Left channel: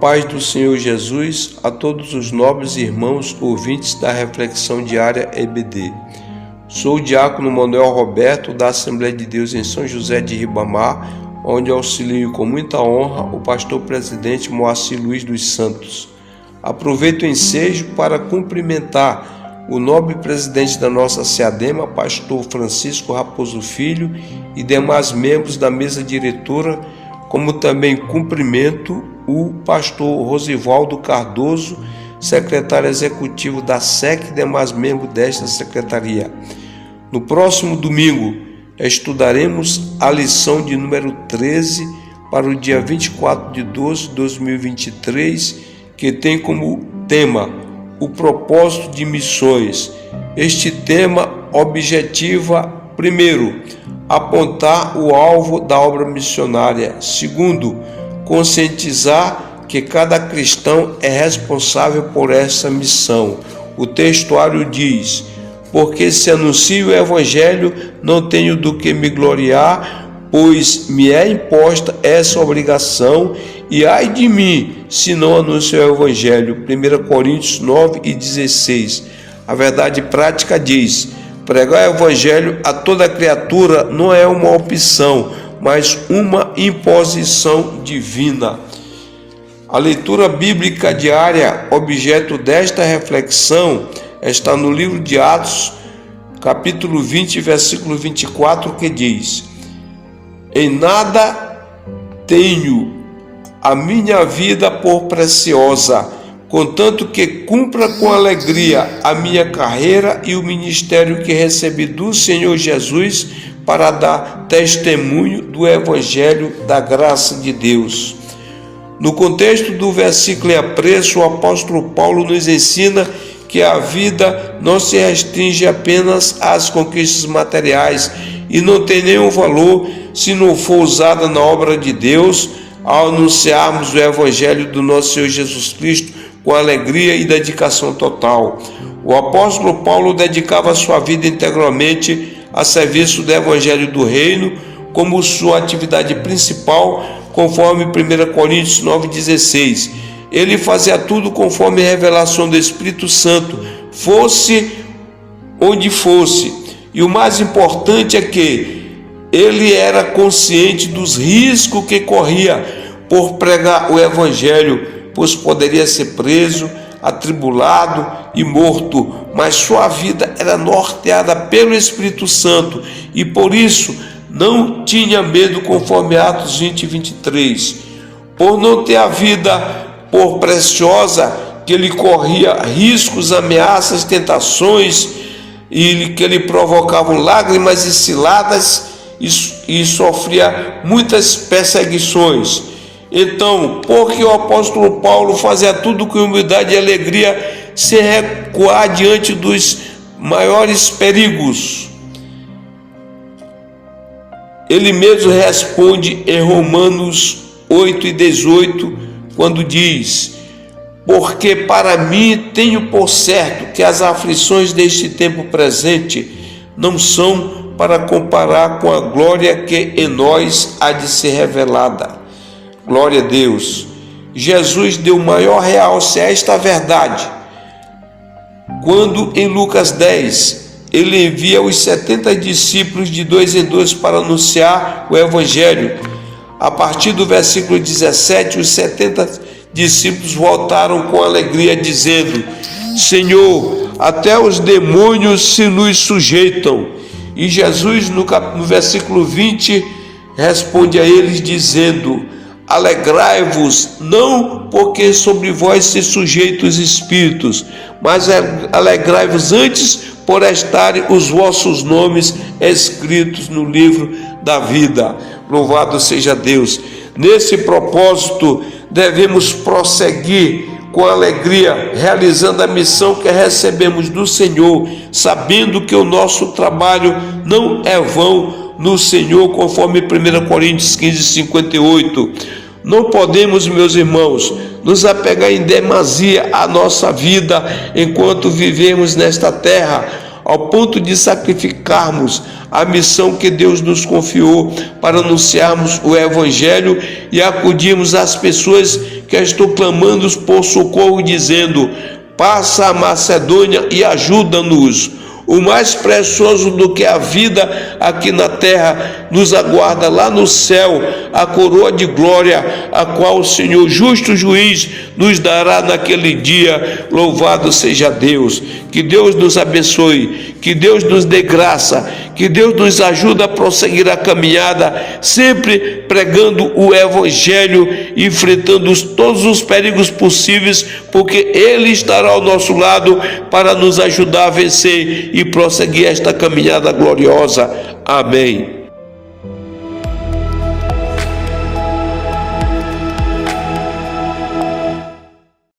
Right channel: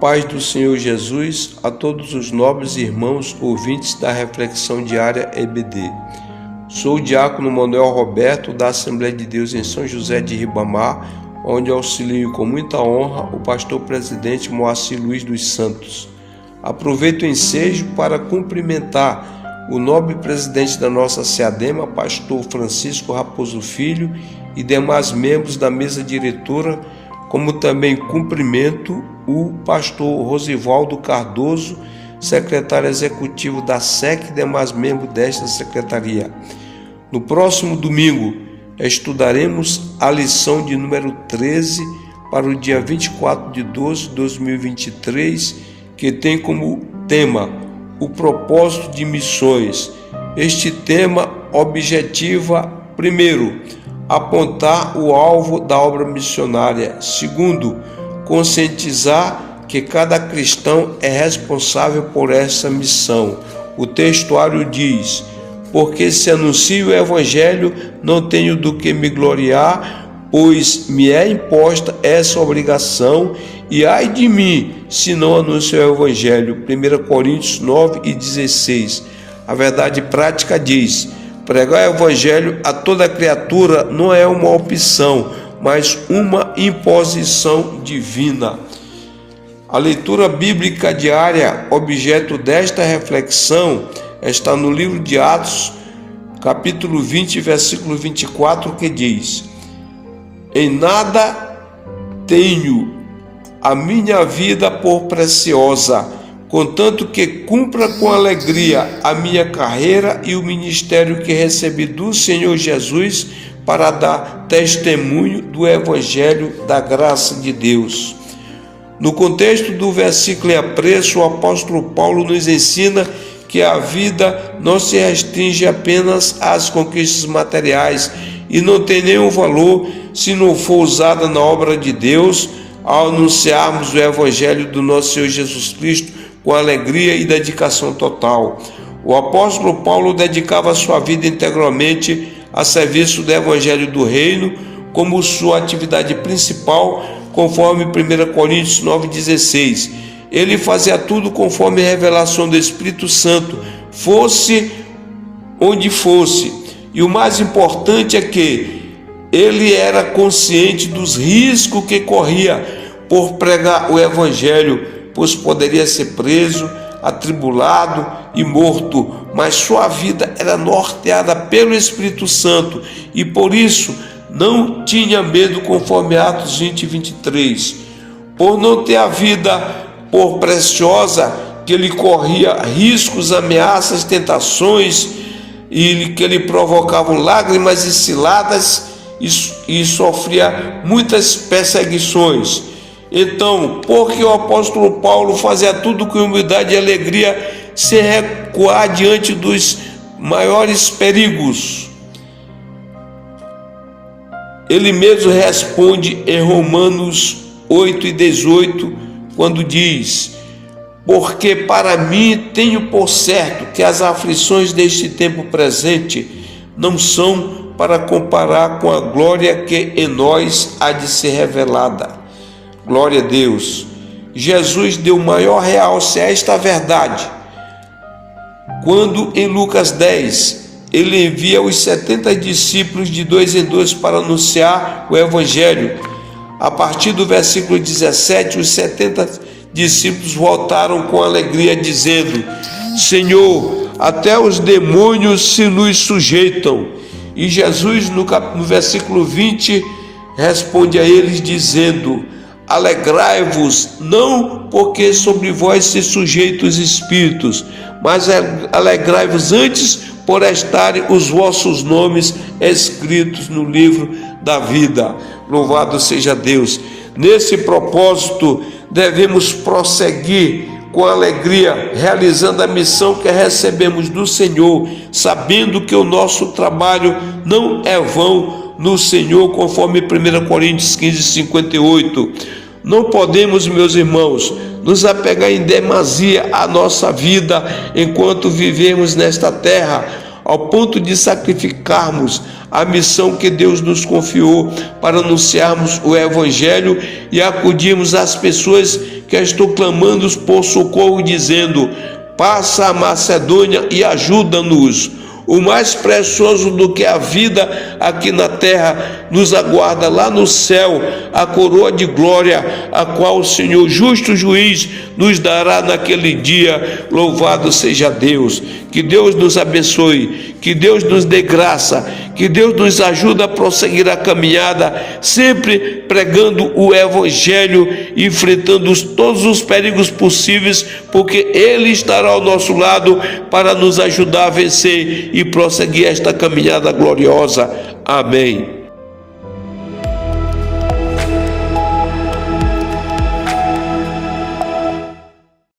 paz do Senhor Jesus a todos os nobres irmãos ouvintes da Reflexão Diária EBD. Sou o diácono Manuel Roberto, da Assembleia de Deus em São José de Ribamar, onde auxilio com muita honra o pastor presidente Moacir Luiz dos Santos. Aproveito o ensejo para cumprimentar o nobre presidente da nossa SEADEMA, pastor Francisco Raposo Filho, e demais membros da mesa diretora, como também cumprimento o pastor Rosivaldo Cardoso, secretário executivo da SEC e demais membros desta secretaria. No próximo domingo, estudaremos a lição de número 13 para o dia 24 de 12 de 2023, que tem como tema o propósito de missões. Este tema objetiva, primeiro, apontar o alvo da obra missionária. Segundo, conscientizar que cada cristão é responsável por essa missão. O textuário diz: porque se anuncio o evangelho, não tenho do que me gloriar, pois me é imposta essa obrigação, e ai de mim, se não anuncio o evangelho. 1 Coríntios 9:16. A verdade prática diz: pregar o evangelho a toda criatura não é uma opção, mas uma imposição divina. A leitura bíblica diária, objeto desta reflexão, está no livro de Atos, capítulo 20, versículo 24, que diz: em nada tenho a minha vida por preciosa, contanto que cumpra com alegria a minha carreira e o ministério que recebi do Senhor Jesus para dar testemunho do Evangelho da graça de Deus. No contexto do versículo em apreço, o apóstolo Paulo nos ensina que a vida não se restringe apenas às conquistas materiais e não tem nenhum valor se não for usada na obra de Deus ao anunciarmos o Evangelho do nosso Senhor Jesus Cristo com alegria e dedicação total. O apóstolo Paulo dedicava sua vida integralmente a serviço do Evangelho do Reino como sua atividade principal, conforme 1 Coríntios 9:16. Ele fazia tudo conforme a revelação do Espírito Santo, fosse onde fosse. E o mais importante é que ele era consciente dos riscos que corria por pregar o Evangelho, pois poderia ser preso, atribulado e morto, mas sua vida era norteada pelo Espírito Santo e por isso não tinha medo, conforme Atos 20:23. Por não ter a vida por preciosa, que ele corria riscos, ameaças, tentações, e que ele provocava lágrimas e ciladas e sofria muitas perseguições. Então, porque o apóstolo Paulo fazia tudo com humildade e alegria, sem recuar diante dos maiores perigos. Ele mesmo responde em Romanos 8:18, quando diz: porque para mim tenho por certo que as aflições deste tempo presente não são para comparar com a glória que em nós há de ser revelada. Glória a Deus. Jesus deu maior realce a esta verdade quando em Lucas 10 ele envia os 70 discípulos de 2 em 2 para anunciar o Evangelho. A partir do versículo 17, os 70 discípulos voltaram com alegria, dizendo: Senhor, até os demônios se nos sujeitam. E Jesus, no versículo 20, responde a eles, dizendo: alegrai-vos, não porque sobre vós se sujeitam os espíritos, mas alegrai-vos antes por estarem os vossos nomes escritos no livro da vida. Louvado seja Deus. Nesse propósito, devemos prosseguir com alegria, realizando a missão que recebemos do Senhor, sabendo que o nosso trabalho não é vão no Senhor, conforme 1 Coríntios 15:58. Não podemos, meus irmãos, nos apegar em demasia à nossa vida enquanto vivemos nesta terra, ao ponto de sacrificarmos a missão que Deus nos confiou para anunciarmos o Evangelho e acudirmos às pessoas que estão clamando por socorro, dizendo: passa a Macedônia e ajuda-nos. O mais precioso do que a vida aqui na terra nos aguarda lá no céu, a coroa de glória, a qual o Senhor, justo juiz, nos dará naquele dia. Louvado seja Deus. Que Deus nos abençoe, que Deus nos dê graça, que Deus nos ajude a prosseguir a caminhada, sempre pregando o Evangelho, enfrentando todos os perigos possíveis, porque Ele estará ao nosso lado para nos ajudar a vencer e prosseguir esta caminhada gloriosa. Amém.